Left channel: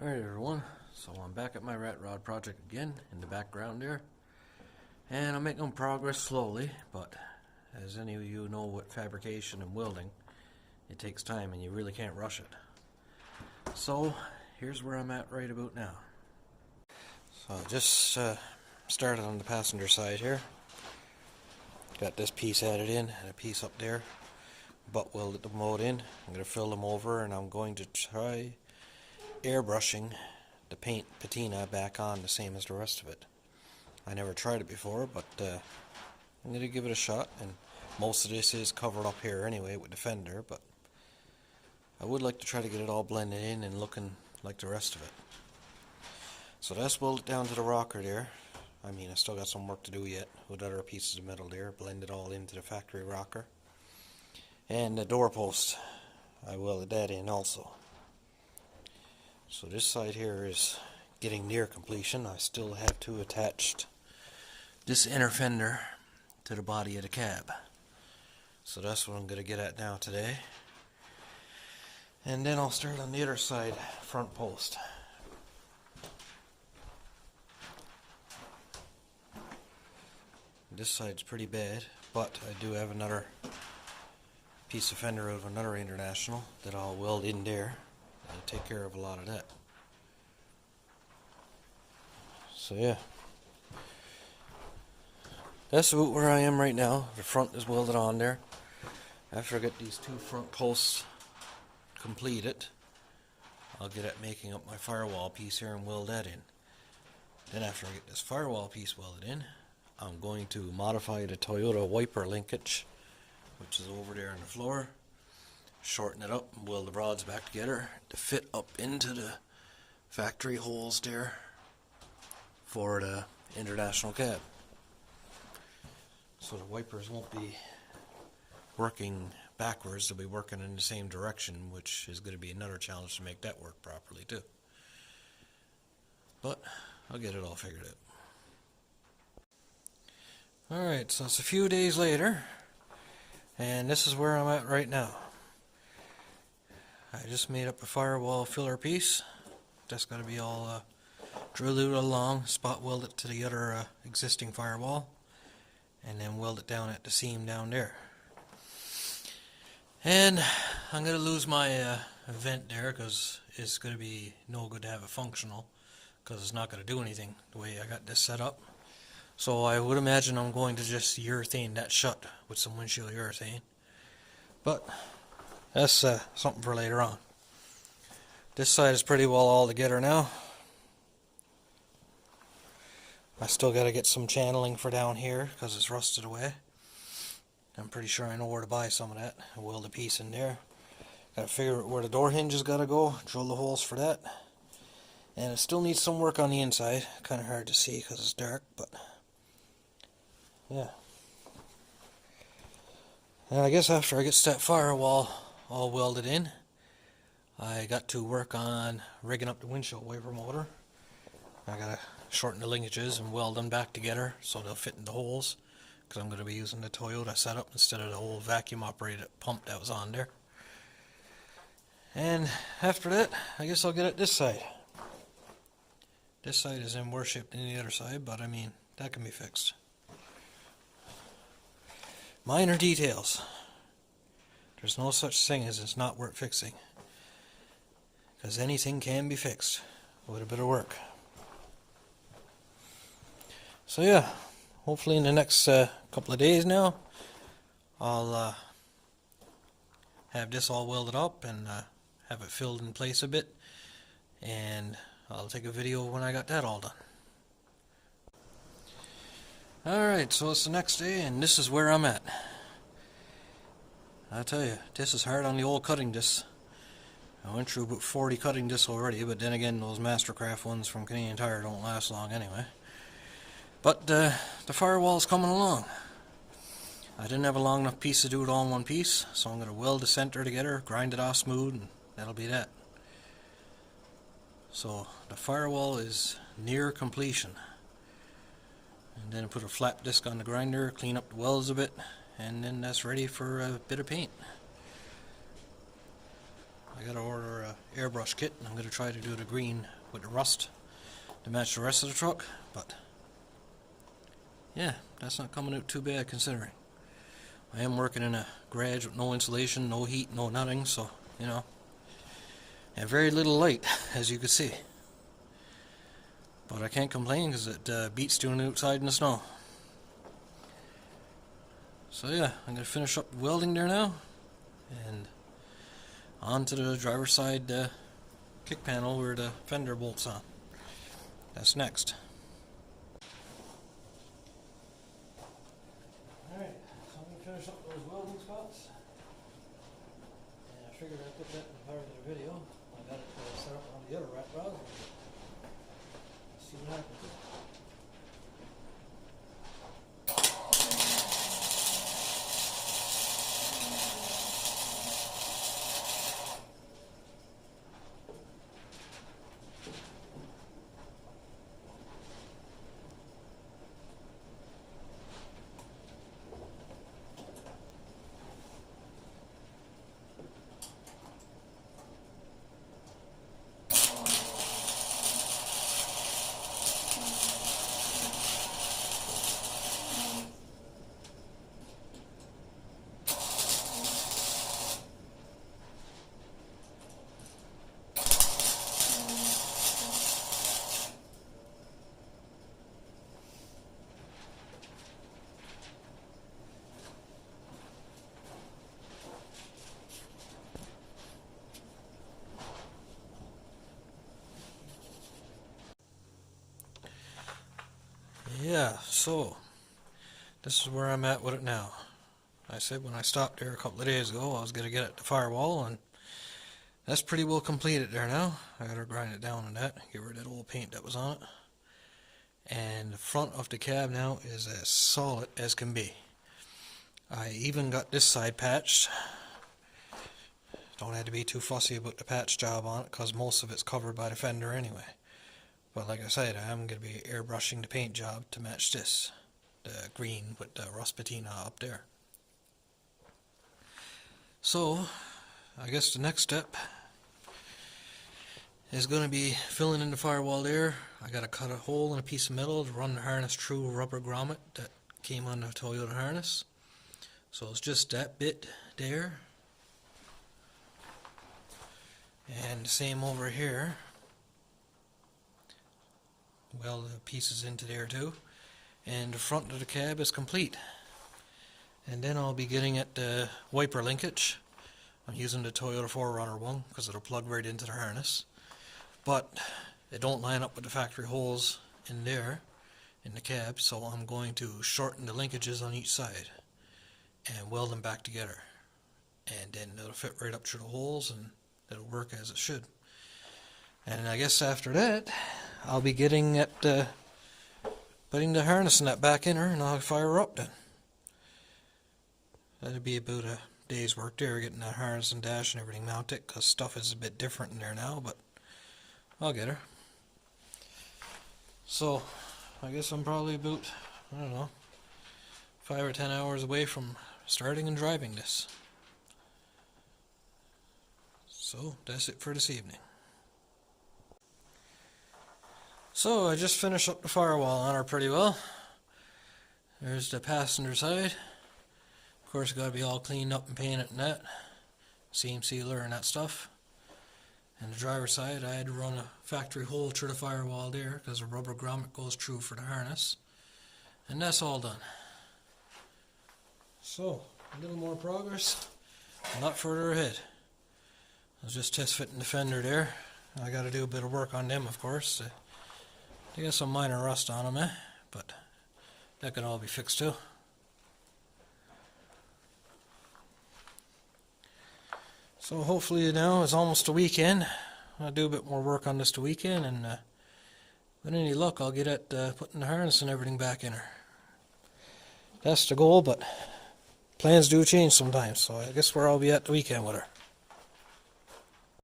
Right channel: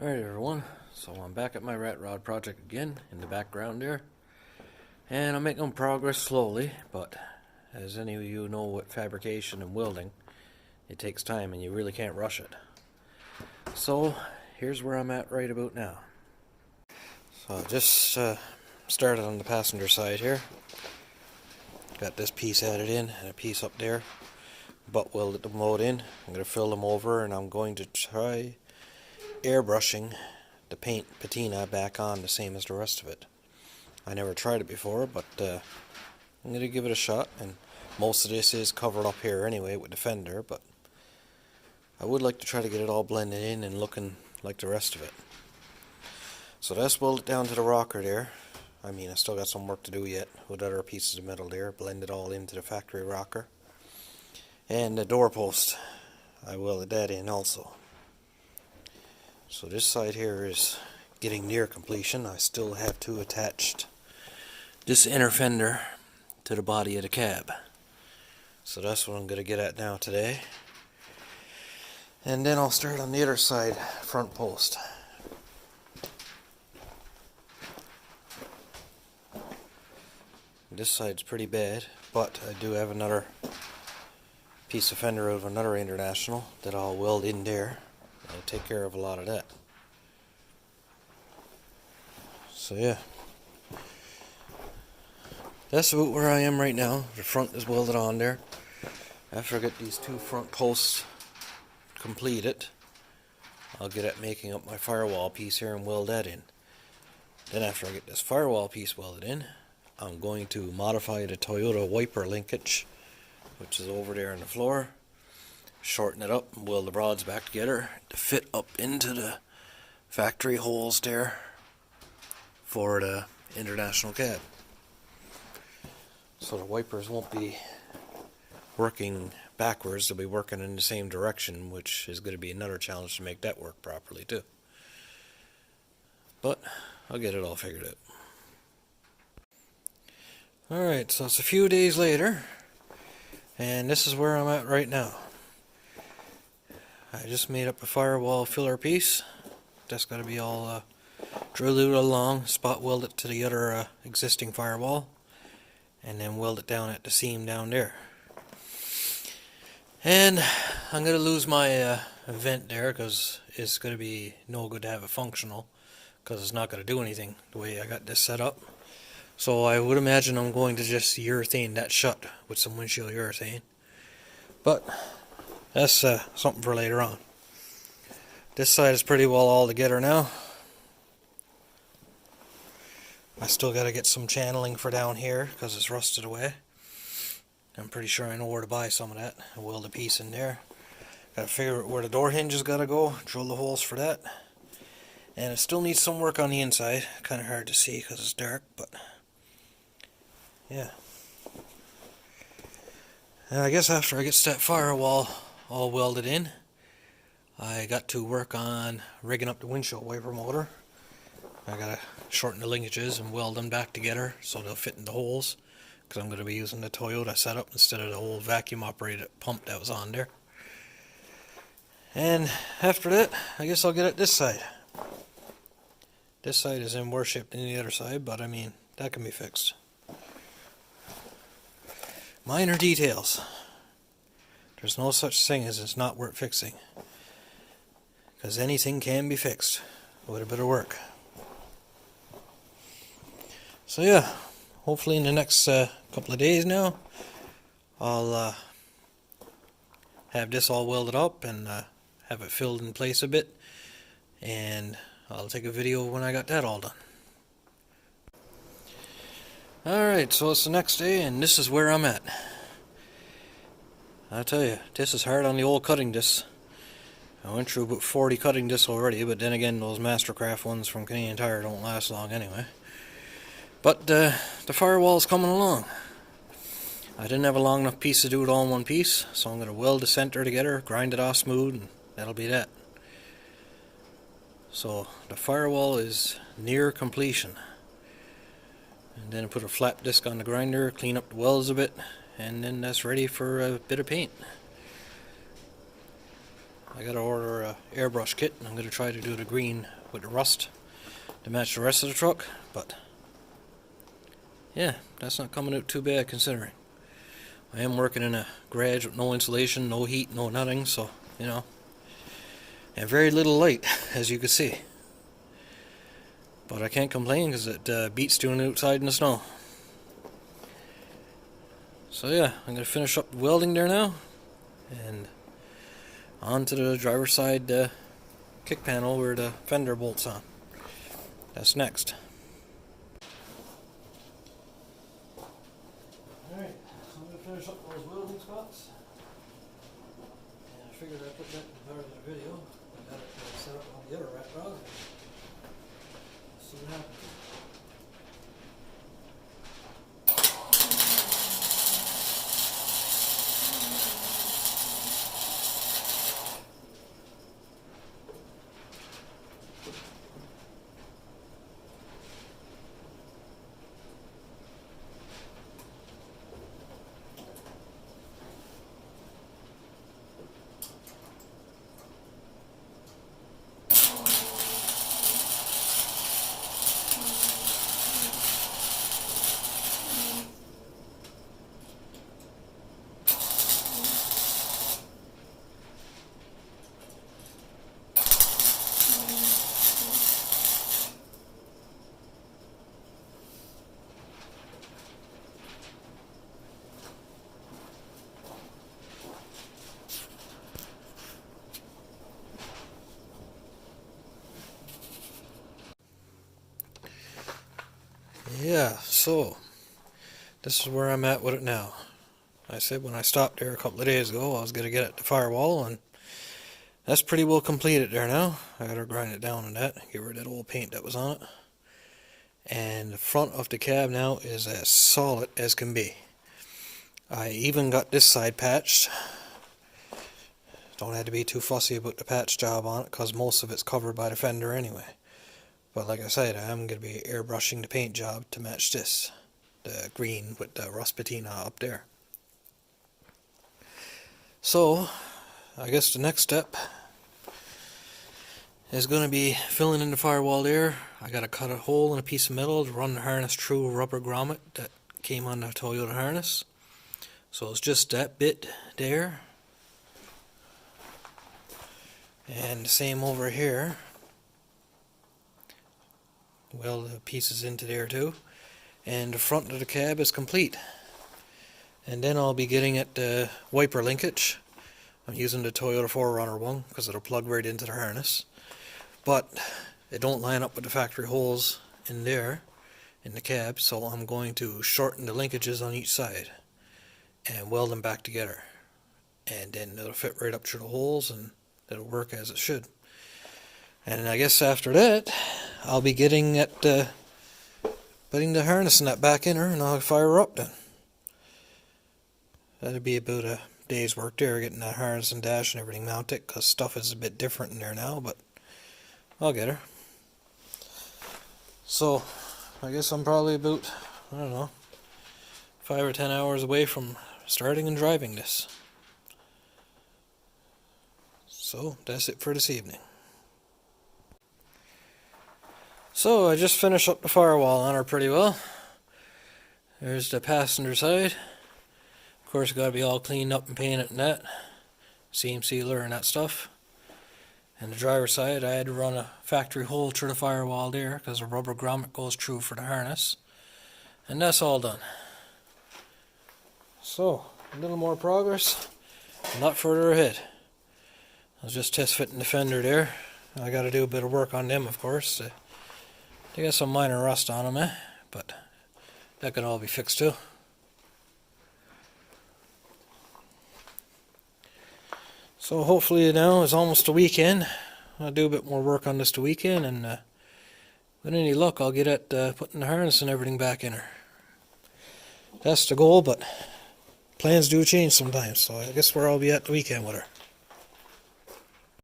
Alright everyone, so I'm back at my rat rod project again in the background there, and I'm making progress slowly, but as any of you know with fabrication and welding, it takes time and you really can't rush it. So here's where I'm at right about now. So I just started on the passenger side here. Got this piece added in and a piece up there, butt welded them both in. I'm going to fill them over and I'm going to try airbrushing the paint patina back on the same as the rest of it. I never tried it before, but I'm going to give it a shot, and most of this is covered up here anyway with the fender, but I would like to try to get it all blended in and looking like the rest of it. So that's welded down to the rocker there. I mean, I still got some work to do yet with other pieces of metal there, blend it all into the factory rocker. And the doorpost, I welded that in also. So this side here is getting near completion. I still have to attach this inner fender to the body of the cab. So that's what I'm going to get at now today. And then I'll start on the other side, front post. This side's pretty bad, but I do have another piece of fender out of another International that I'll weld in there. I'll take care of a lot of that. So yeah, that's about where I am right now. The front is welded on there. After I get these two front posts completed, I'll get at making up my firewall piece here and weld that in. Then after I get this firewall piece welded in, I'm going to modify the Toyota wiper linkage, which is over there on the floor, shorten it up and weld the rods back together to fit up into the factory holes there for the International cab. So the wipers won't be working backwards, they'll be working in the same direction, which is going to be another challenge to make that work properly too. But I'll get it all figured out. Alright, so it's a few days later, and this is where I'm at right now. I just made up a firewall filler piece. That's got to be all drilled out along, spot weld it to the other existing firewall, and then weld it down at the seam down there. And I'm going to lose my vent there because it's going to be no good to have it functional because it's not going to do anything the way I got this set up. So I would imagine I'm going to just urethane that shut with some windshield urethane. But that's something for later on. This side is pretty well all together now. I still got to get some channeling for down here because it's rusted away. I'm pretty sure I know where to buy some of that. I'll weld a piece in there. Got to figure out where the door hinge is got to go. Drill the holes for that. And it still needs some work on the inside. Kind of hard to see because it's dark, but yeah. And I guess after I get that firewall all welded in, I got to work on rigging up the windshield wiper motor. I got to shorten the linkages and weld them back together so they'll fit in the holes, because I'm going to be using the Toyota setup instead of the old vacuum operated pump that was on there. And after that, I guess I'll get at this side. This side is in worse shape than the other side, but I mean, that can be fixed. Minor details. There's no such thing as it's not worth fixing, because anything can be fixed with a bit of work. So yeah, hopefully in the next couple of days now, I'll have this all welded up and have it filled in place a bit, and I'll take a video when I got that all done. Alright, so it's the next day and this is where I'm at. I tell you, this is hard on the old cutting discs. I went through about 40 cutting discs already, but then again, those Mastercraft ones from Canadian Tire don't last long anyway. But the firewall's coming along. I didn't have a long enough piece to do it all in one piece, so I'm going to weld the center together, grind it off smooth, and that'll be that. So the firewall is near completion. And then I put a flap disc on the grinder, clean up the welds a bit, and then that's ready for a bit of paint. I gotta order a airbrush kit, and I'm gonna try to do the green with the rust to match the rest of the truck, but yeah, that's not coming out too bad considering. I am working in a garage with no insulation, no heat, no nothing, so, you know, and very little light, as you can see. But I can't complain because it beats doing it outside in the snow. So yeah, I'm going to finish up welding there now, and on to the driver's side kick panel where the fender bolts on. That's next. Alright, so I'm going to finish up those welding spots. And I figured I'd put that in part of the video. I got it set up on the other rat rod. See what happens. Yeah, so this is where I'm at with it now. I said when I stopped there a couple of days ago I was going to get it to firewall, and that's pretty well completed there now. I got to grind it down on that, get rid of that old paint that was on it. And the front of the cab now is as solid as can be. I even got this side patched. Don't have to be too fussy about the patch job on it because most of it's covered by the fender anyway. But like I said, I am going to be airbrushing the paint job to match this. The green with the rust patina up there. So, I guess the next step is going to be filling in the firewall there. I got to cut a hole in a piece of metal to run the harness through a rubber grommet that came on the Toyota harness. So it's just that bit there. And the same over here. Weld the pieces into there too. And the front of the cab is complete. And then I'll be getting at the wiper linkage. I'm using the Toyota 4Runner one because it'll plug right into the harness. But it don't line up with the factory holes in there in the cab, so I'm going to shorten the linkages on each side and weld them back together. And then it'll fit right up through the holes and it'll work as it should. And I guess after that, I'll be getting at putting the harness in that back inner, and I'll fire her up then. That'll be about a day's work there, getting that harness and dash and everything mounted, because stuff is a bit different in there now, but I'll get her. So, I guess I'm probably about, I don't know, 5 or 10 hours away from starting and driving this. So, that's it for this evening. So I just finished up the firewall on her pretty well. There's the passenger side. Of course, got to be all cleaned up and painted and that. Seam sealer and that stuff. And the driver's side, I had to run a factory hole through the firewall there because the rubber grommet goes through for the harness. And that's all done. So, a little more progress. A lot further ahead. I was just test fitting the fender there. I got to do a bit of work on them, of course. They got some minor rust on them, but that could all be fixed too. So hopefully now it's almost the weekend. I'll do a bit more work on this the weekend, and with any luck I'll get at putting the harness and everything back in her. That's the goal, but plans do change sometimes, so I guess where I'll be at the weekend with her.